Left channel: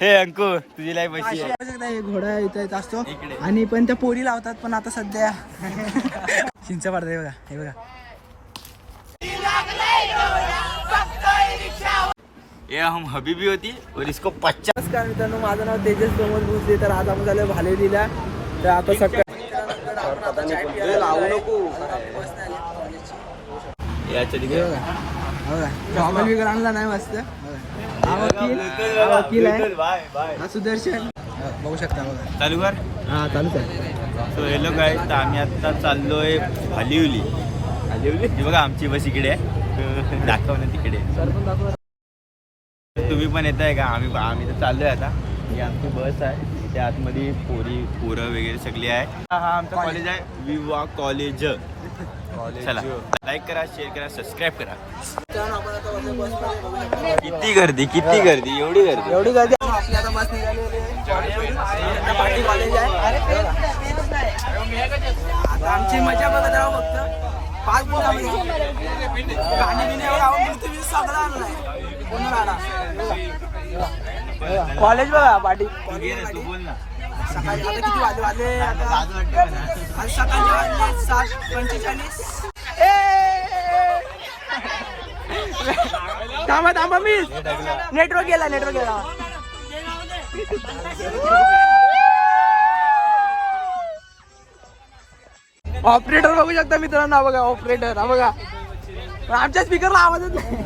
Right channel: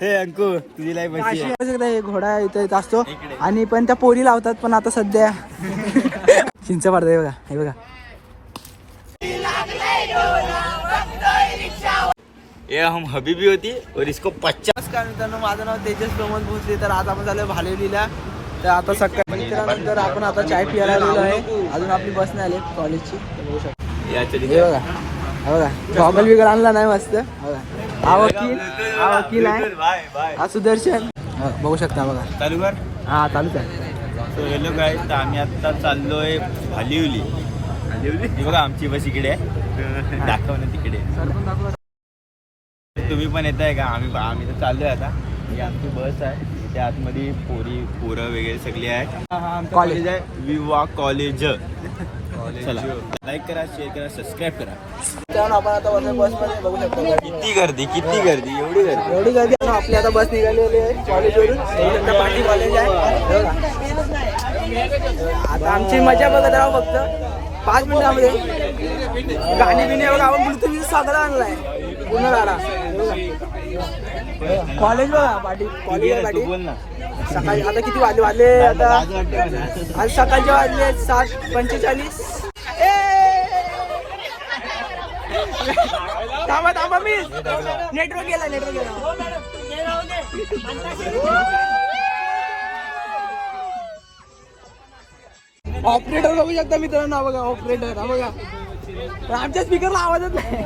हे अंकु तुझी लाईफ अशी आहे. घोडा इथे येत असतो आणि पण त्या पोरी लावतात पण आता सध्या चिंच पडतंय बघा. हे बघा ये हम हबीबी होती और इसको 50. नमस्कार मित्रांनो, माझं नाव तेजस प्रमोद भोसले. तर आज आपण झालो भालेलीला. तर आता सकाळी मित्रांनंतर आपण आता चाय पियाला आलेलो आहे. अजून आपली बस नाही आली कॉलेजची. हे बघा बघा गॉगल बिगल आणला नाही मस्त. हा वकील आहे, हा सुदर्शन. बघू शकता बघा. चालू कर. हा चालू आहे. सो हॅलो गाईज, तर आम्ही आता चाललोय भालिवली. ही बघा आमची बस इकडे आहे, दाखव ना तिकडे. तुम्ही पण येत आहे का? आम्ही तर चाललोय आता. ही आमची बस आहे, त्या आतमध्ये पोरं वगैरे सगळी आहे. हा आमचं कॉलेज आहे, विवा कॉलेज. चला लाईक करा, शेअर करा, सबस्क्राईब करा. आपण आता बसमध्ये बघू शकतो किती गर्दी एवढी गर्दी. आपली आता बस निघालेली आहे कॉलेजवरून. पाटी कॉलेज आहे. आता आमची मजा बघत राहू फक्त 5 मिनिटामध्ये. गाणी बिणी बघा, आपण पृथ्वी साजरा आणलाय पुन्हा. कॉलेज बघा पाटी कॉलेज. बोल ना. सकाळी आता किती वाजले आता? आज सकाळचे वाजले 7:45. नेटवर्क गेला. ऑपरेटर बघू शकता मित्रांनो. हा बघा ऑपरेटर. हा बघा आमच्या स्पीकरला आवाजच नाही.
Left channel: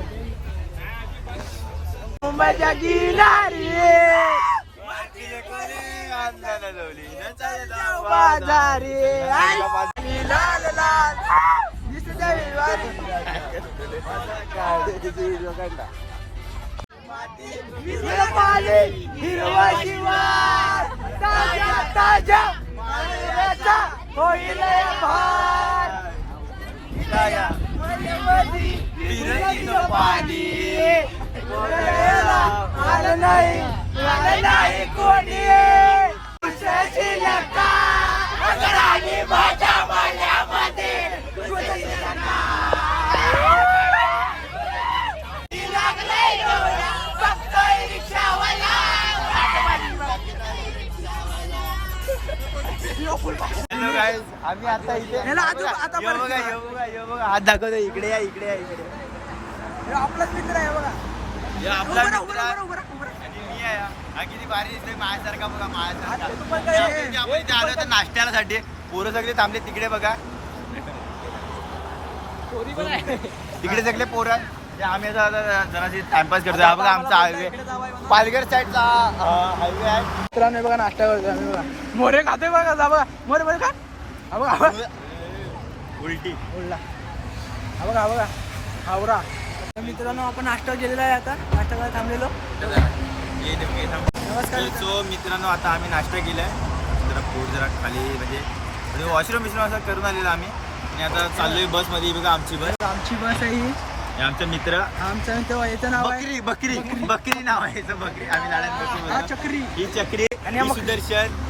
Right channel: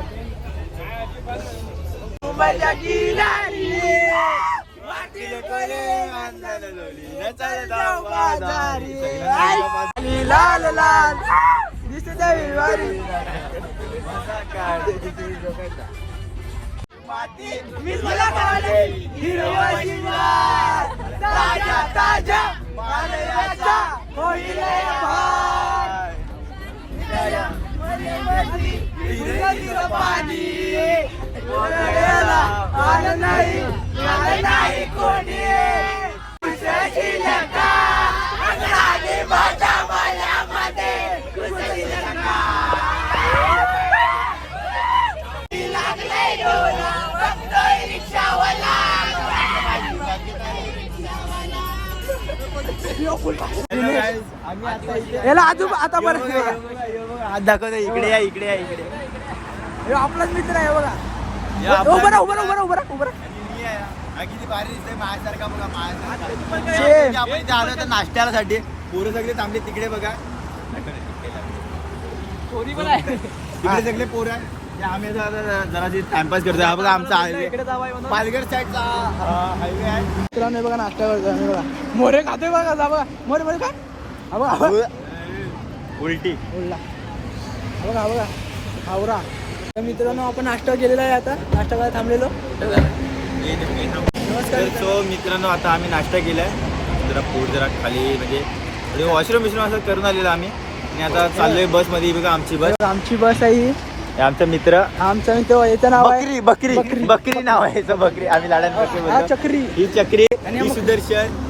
हॅलो गाईज, आम्ही आता इथे आता बघा हात दाखवतो. इकडे या, इकडे या, इकडे. आपलाच मित्र आहे बघा. उभं आणि मी आहे हा. किती भारी दिसतोय माझ्यासारखा बघा, माझ्यासारखा. Same. आपण इथे आलो तर नाश्त्यासाठी. पोरं सगळे थांबले तिकडे बघा. तिकडे सगळे पोरं. आम्ही जरा टाइमपास करतोय. हा बघा आमचा हायवे, पालघर साईडचा हायवे आहे. मित्रांनो बघा नाश्ता करतोय आम्ही. बघा मोरे खातोय बघा. जा बघा मोरे का. हा बघा उलटी बोलला. हा बघा आवरा. तर मित्रांनो आपण नाश्ता केलेला आहे. आता नाश्ता करायला थांबलेलो. नमस्कार. सो मित्रांनो, आता आम्ही नाश्ता केलाय. जरा पोट जरा खाली म्हणजे वॉशरूम असं करून आलेलो आम्ही. आणि आता चाललोय बस मध्ये. बघा आमची बस आहे ही. आमचा मित्र याचं नाव आहे बकरी नाव आहे याचं. बकरी आम्ही लाडात चक्री. ही चक्री आणि सुदर्शन.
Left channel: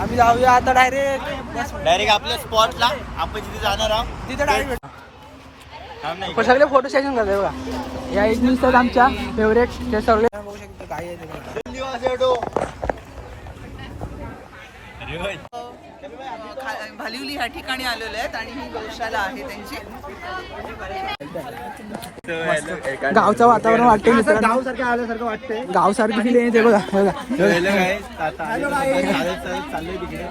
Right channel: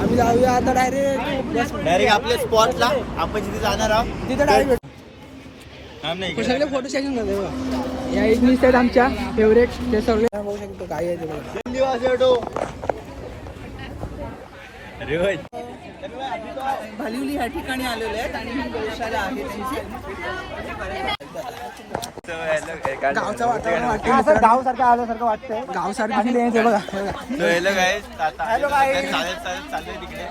आम्ही जाऊया आता डायरेक्ट आपल्या स्पॉटला. आपण जिथे जाणार आहोत तिथे डायरेक्ट सगळे फोटो सेशन करते बघा. या इथली साईड आमच्या फेवरेट. ते सगळे बघू शकतो काय आहे ते बघा. भालिवली ह्या ठिकाणी आलेले आहेत आणि ही गौशाला आहे त्यांची. गावचं वातावरण वाटते मित्रांनो. गावसारखं आल्यासारखं वाटतंय. गावसारखी फील येते बघा. चाललंय तिकडे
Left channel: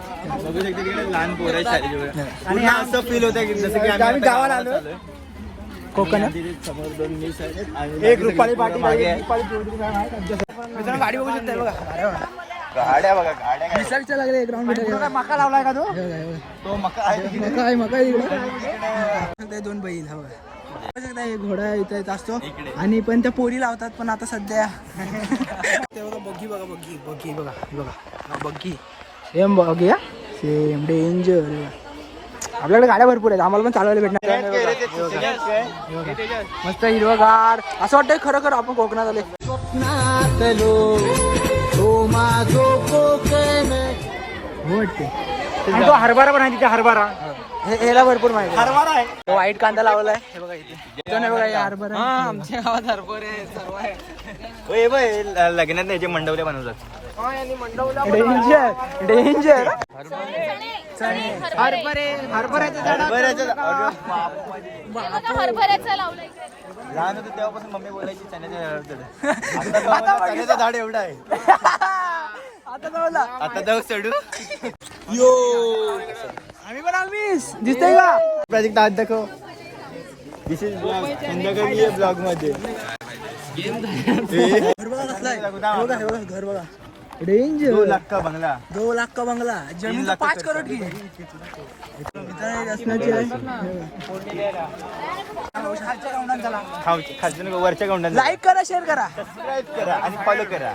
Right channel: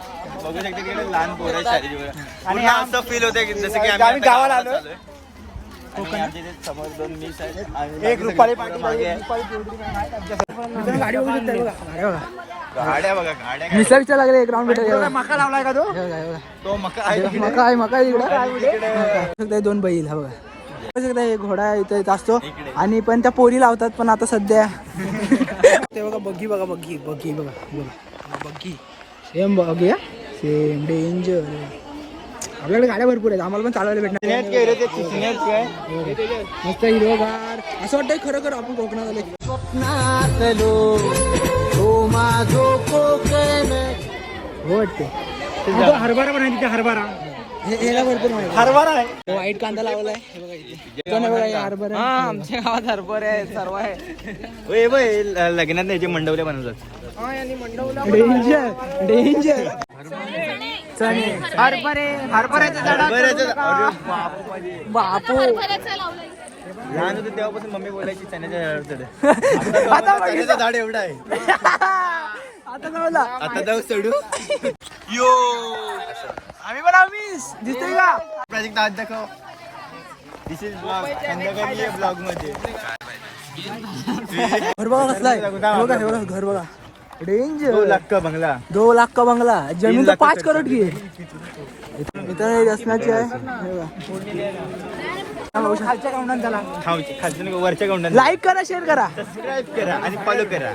बघू शकतो. तिकडे लहान पोरं शाळेची आणि असं फील होतं जसं की आम्ही गावाला आलोय. कोकण समोर 2 मिस आहेत. एक रुपाली पाटी मागे. मित्रांनो गाडी बघू शकता बघा. गाड्या बघा. मिसळच्या लागले ग्राउंड. मका लावलाय का तो? मका इकडे 2 बैल. हा बघा एक घोडा इथे येत असतो आणि पण त्या पोरी लावतात पण आता सध्या. ते बघा बग्गी बघा. सेम बघी. Same danger. आपल्याकडे गाड्या भरपूर आहेत. आम्हाला पण चालवायला भेटणार. मस्त हिरवगार असं वाटतंय खरं आपण कोकणात आलो. स्वप्नातलो तो माझो कोकण. हो वाटते. हरभरा पण आहे तिथे. हरभरा ह्याला भरपूर माहिती आहे. हरभरा आहे. व्हाईट कांदा लावलाय हे बघा इथे. इथं नाही बघा हे हरभरा आहे. आमच्या गावात हरभरे आहे सर्व आहे. होय बाय लग्नात याचे मंडवल्या बनवतात. डेंजर डेंजर हरभऱ्याचं अरे बापू माझे बापू लहान होतं तेव्हापासून मम्मी बोलायची चण्याच्या झाड आता बघितलं. चण्याचं झाड एवढं आहे. आता जवळला आता जाऊ चढू यो आम्ही पण आम्हीच दिसतंय का प्रोजेक्ट आज दाखव. दिस इज ब्लॉग संध्याकाळी ये ब्लॉग मध्ये घर बघा कसला आहे. एवढं घर बघा डेंजर 2 लाख का बंगला 2 लाख का बंगला जमीन 3 तर लाख 5 करोड की आहे. इथं असण्याची आहे खालच्या काउंटात झाला. वरच्या गौंडात लाईक करा शेअर करा सबस्क्राईब करा आणि फॉलो करा.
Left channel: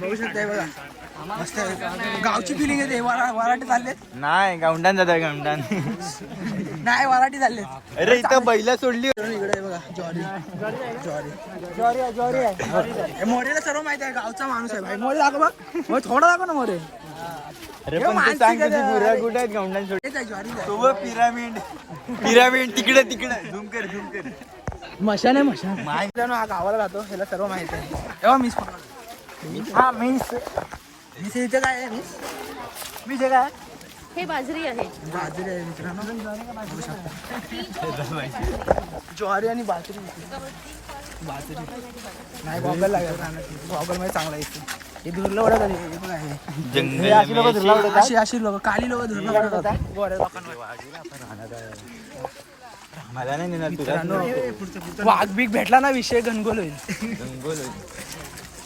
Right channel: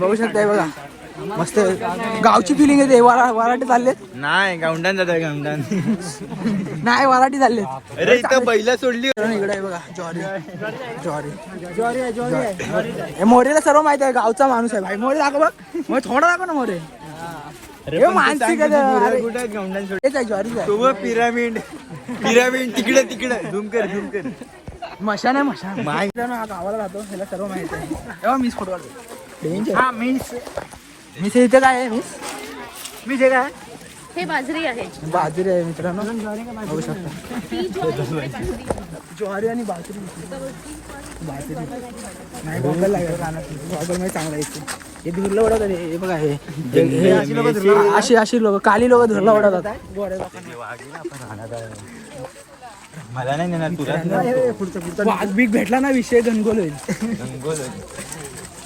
बघू शकताय बघा मस्त आहे. गावची फिलिंग येते वराठी चाललेत नाही गौंडान जात गौंडान. नाही वराठी चाललेत. अरे इथं बैला सोडली. इकडे आहे बघा ज्वारी ज्वारी आहे ज्वारी आहे. हे मोरेला सर्व माहिती आहे गावचा माणूस आहे भाई. मोरे दाखव बघ मग थोडा दाखव ना मोरे. हे मानसिक आहे. अरे, हेच आहे ज्वारीच आहे. पिरामिड पिरामिड तिकडे तिकडे झूम कर झूम कर. मशान आहे मशान. माय हा गावाला राहतो ह्याला सर्व माहिती आहे. तेव्हा मिस फोटो काढतो. हा मिस मिस इथे काय आहे मिस मिस हे काय हे बाजरी आहे. बाजरी आहे मित्रांनो बघू शकता. ज्वारी आणि बाजरी बाजरी नाही गॉगल लागेल गॉगल मध्ये चांगला येतो. हे धुरलं वडत हे बघा हे अशी अशी लोक काली लोक धुरला वडवतात. मला नाही नेणार मित्रांनो वाघ बीक भेटला ना विषय घनगोल होईल.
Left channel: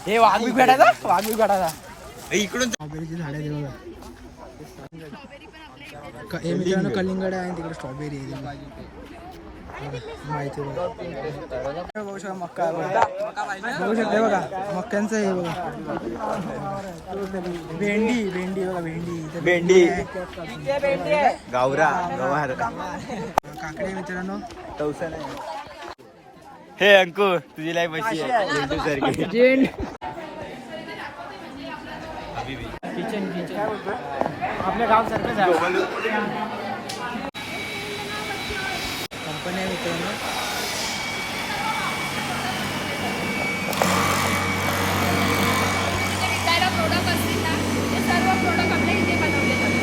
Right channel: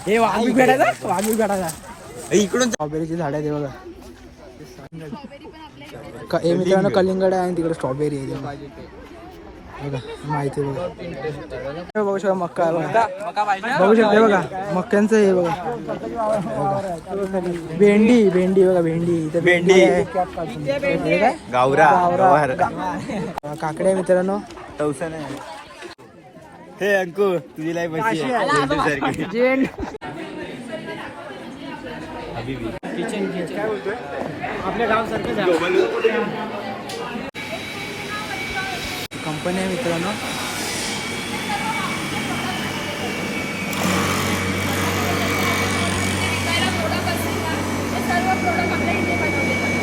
हे वाघ बीक भेटायचा वाघ बीक भेटायचा. इकडून स्ट्रॉबेरीची झाड आहे ते बघा. हे मित्रांनो कलिंगड आहे आणि तिकडे स्ट्रॉबेरी आहे बघा माहिती आहे बघा. बघू शकता मक्का आहे बघा. बघू शकते बघा मक्क्यांचं हे बघा. भेंडी भेंडी बघा भेंडी इथे भेंडी आहे. हे काय गावरा गावरा काकडे आहे मित्रांनो. हे अंकु तुझी लाईफ अशी आहे झेंडूसारखी. जेंड हबीबी कंपनी आहे मित्रांनो. विकायला प्रोडक्ट असतील ना ते सर्व प्रोडक्ट आपल्या इथे बनवले जातात.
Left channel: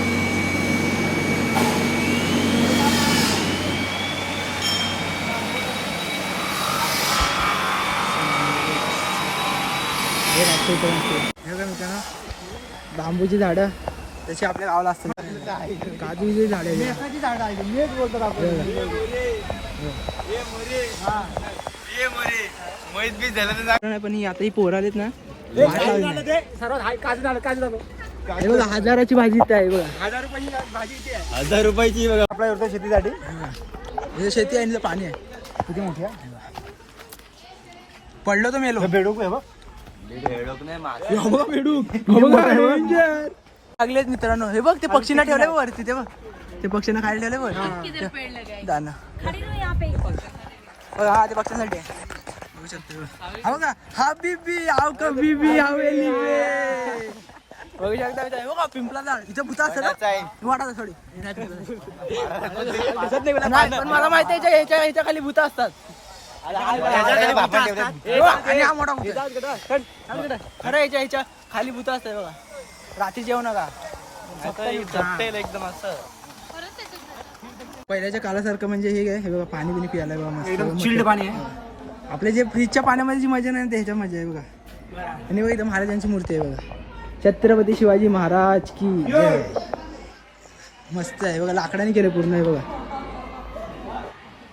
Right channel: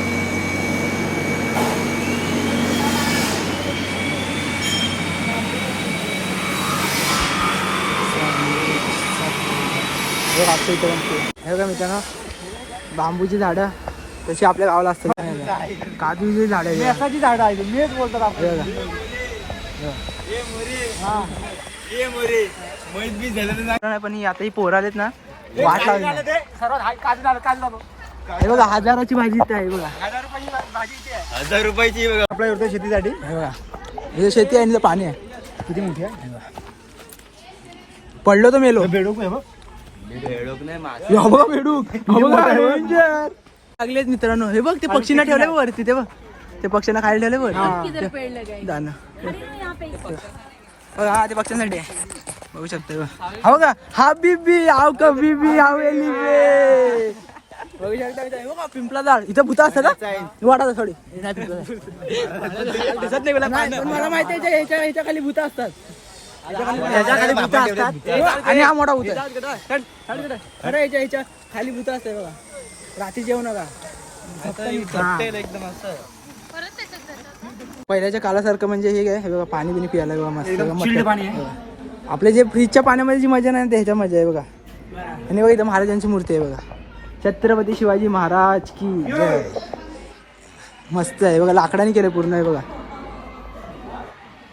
हे बघा मित्रांनो बांबूची झाडं तशी आपल्या गावाला असतात. काजूची झाडं आहे झाडं आहे. पण आता ही पोरं आलेत ना वाट लावली. हे बघा हजाराची भाजी इथे आहे बघा. 1000 रुपयाची बघा. आपल्या एवढं शेतीसाठी हे बघा इथे शेती आहे आणि इथं पाणी आहे. किती मोठी आहे हे बघा. पडलो तर मेलो. बेडूक आहे लागलेत मित्रांनो. हे बघ ते पक्षींना ठेवले वरती. ते बघ ते पक्ष्यांना खायला ठेवले वर किधर पेड़ लगाए. दाना. अरे यहाँ पे बघू शकते हो का हबीबी आव कबीबी हवेली बे. बघू शकता मित्रांनो. बघा पिंपला झाड इथं भूता असतात ना वाटा थोडी. नाही पण मला माहिती आहे ह्याच्या खाली भूता असतात. ह्याच्या खाली भूता असतात आणि हा मोठा भूत आहे. अरे ह्याच्या खाली भूत असते बघा. रात्री जेवू नका एकदम असं. पहिल्याच्या कालासारखं म्हणजे हे काय हे बघा पाणी बिनी पियाला बघा मस्त पाणी आहे. आपल्या जे फ्रीजच्या पाण्यामध्ये जी मजा नाही ह्याच्या मजा आहे बघा. आणि बघा इथं महाराजांची मूर्ती आहे बघा. छत्रपती शिवाजी महाराज की मस्त आहे बघा. लाकडाने केलं पूर्ण आहे बघा.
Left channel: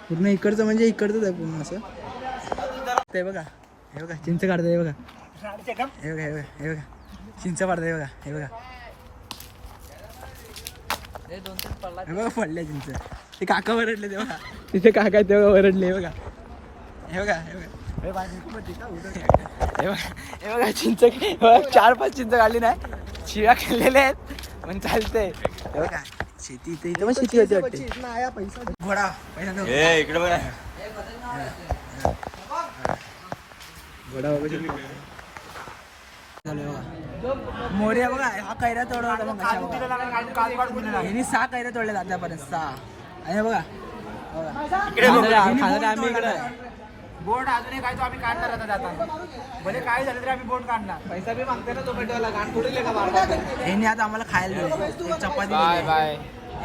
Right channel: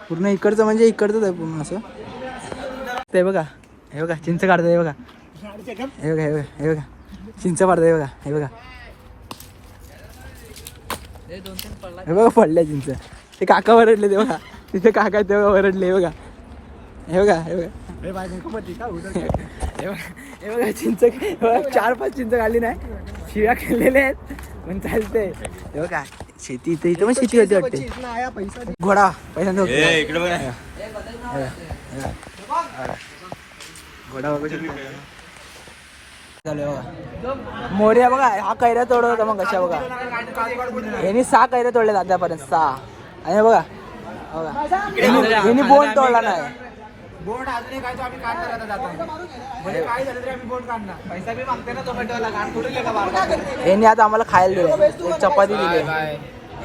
पूर्ण इकडचं म्हणजे इकडचंच आहे पूर्ण असं ते बघा. हे बघा चिंच काढतंय बघा. हे बघा हे बघा हे बघा चिंच काढतंय बघा. हे बघा हे बघा पडल्या चिंच. ते काका वरडले ते बघा. तिथे काका तेव्हा वरडले बघा. हे बघा हे बघा हे बघा चिंच 4-5 चिंच काढली नाही. शिव्या खाल्लेल्या आहेत पण चालतंय. हे बघा शेती इथं इथं पण शेती होती वाटते. घोडा पैसा इकडे बघा. घोडा झालं बघा. मोर्या बघा हा कैऱ्या तोडत होता मग कशा बघा. यांनी 6 कैऱ्या तोडल्या आतापर्यंत 6. आणि बघा यांनी बोंड तोडला नाही. बोर्ड अजून काय तो आम्ही काढणार आता जाताना. भले काय झालं तरी आम्ही बोर्ड काढणार. यांनी आता आम्हाला खायला दिलंय. एक चपाती दिली.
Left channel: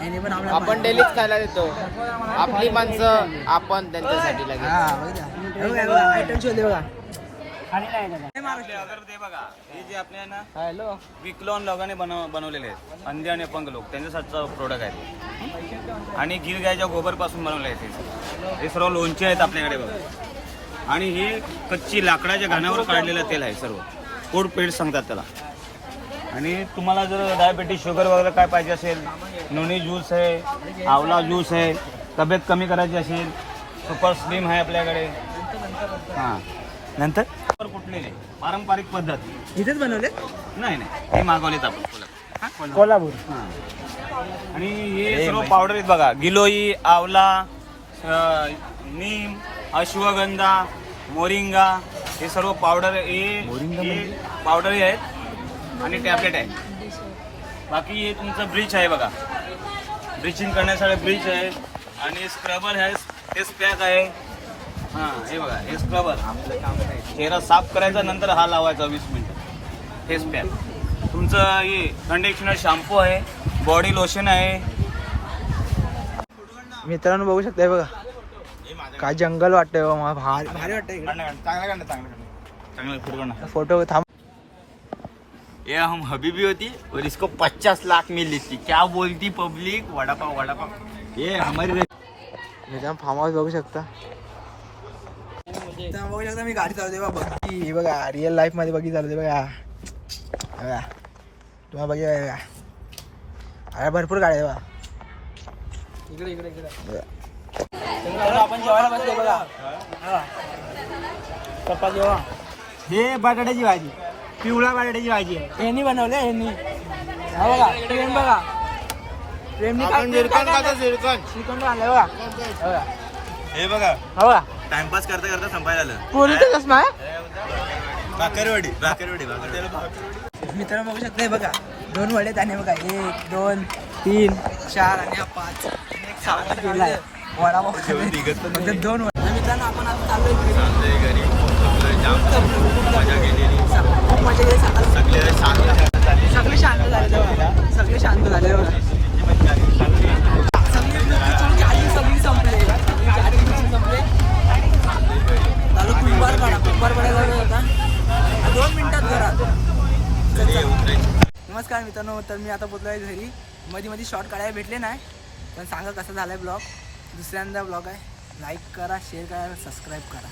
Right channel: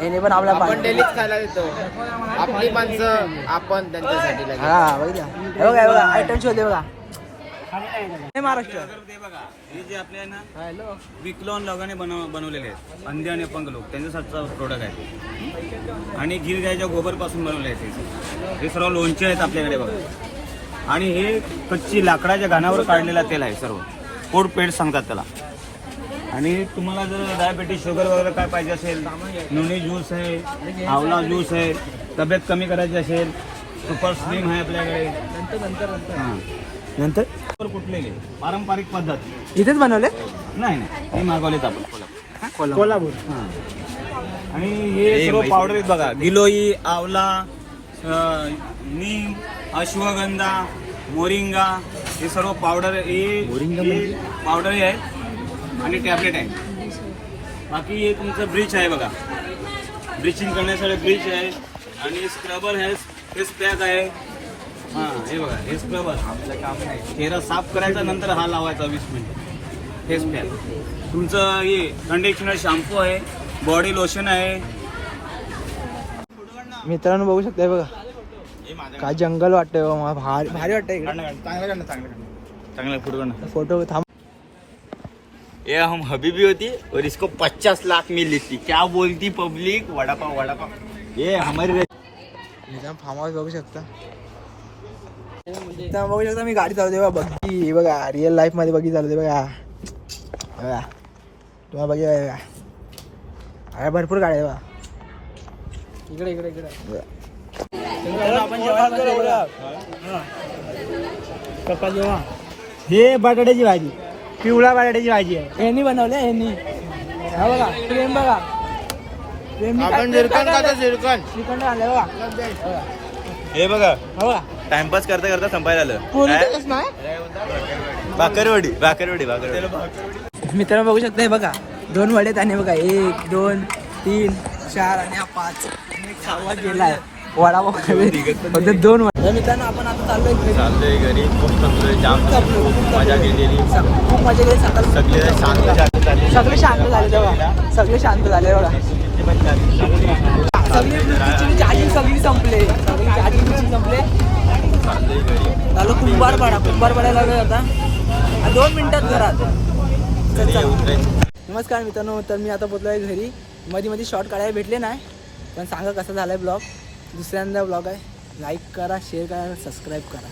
यांनी पण आपल्या आपण डेलीच खायला देतो. आपली माणसं आपण त्यांच्यासाठी लागेल. हा बघा आयटम शोधे बघा. महाराष्ट्र हे जे आपले ना विकलोन लोकांनी बनवलेले आहेत अंडे आणि पंख लोक त्यांच्यासाठीचा प्रोडक्ट आहे. आणि गिल गायच्या गोबर पासून बनवले आहेत. हे सर्व लोणचे आहेत आपल्याकडे बघा. आणि हे कच्ची लाकडाच्या घाणावर काढलेलं तेल आहे सर्व. फूड पेड सांगतात त्याला. आणि तुम्हाला जर डायबिटीज शुगर वगैरे काय पाहिजे असेल नोनी ज्यूस आहे आवला ज्यूस आहे. तब्येत कमी करायची असेल सुपर स्लिम आहे आपल्याकडे. हां नंतर कुठलेले पारंपरिक पद्धत इथेच बनवले. नाही हे मागवलेत आपण कोल्हापूर. हां आणि हे सर्व पावडर आहेत बघा. गिलोई आवला नीम अश्वगंधा मोरिंगा हे सर्व पावडर हे पावडर आहे आणि टॅबलेट आहे. बाकी हे तुमचं ब्लीच आहे बघा. ब्लिचिंग करण्यासाठी ब्लीच आहे आणि स्क्रबर आहे फेस पॅक आहे. हां हे बघा हे स्क्रबर चेहरा साफ करायचा नंतर हा लावायचा 20 मिनिट. फेस पॅक तुमचं हे कंडिशनर शॅम्पू आहे. बॉडी लोशन आहे. मित्रांनो बघू शकताय बघा काय जंगल वाटतंय बघा. भारी वाटतंय चांगला फुटवणा फोटो थांब. ये हम हबीबी होती और इसको 50 लाख मिली थी. क्या बोलती पब्लिक. वडापाव ये हमारी फार्म हाऊस बघू शकता. बघू शकता मी गाडी चालवते बघा. बघी बघा रिअल लाईफ मध्ये बघी चालवते बघा. बघा तुम्हाला बघा अरे भरपूर गाडी आहे बघा. इकडे आपण जेवायला बसलो बघा. पप्पा जेवा. हे बटाट्याची भाजी पिवळा बटाट्याची भाजी आहे. यांनी बनवले यांनी. हा बघा प्रेम बघा. प्रेमनी श्रीखंड आणलं बघा. हे बघा हा बघा टाइमपास करता करता संपायला आलं. पोलीस कसं नाही. भाकरवडी मित्रांनो बघू शकता हे बघा 2 वडे आणि बघा 1 2 3 4 आणि 5 आणि एक 6वा काढलाय. वडापाव फक्त 2 वडे. मित्रांनो आपण आता चाललोय घरी खूप थकलोय जाम मजा केलेली. खूप मजा केली. सगळे शांत सगळे शांत झाले बघा. सगळे शांत झाले बघा. चार्जिंग सगळी संपले. चालू कुंभार पडायला लागले आता 2 मिनिटात घरात. नमस्कार मित्रांनो. तर मी आता पोचलो आहे घरी. मध्ये शॉर्ट काढायला भेटले नाही पण सांगा कसा झालाय ब्लॉग. दुसऱ्यांदा ब्लॉग आहे. लाईक करा शेअर करा सबस्क्राईब करा.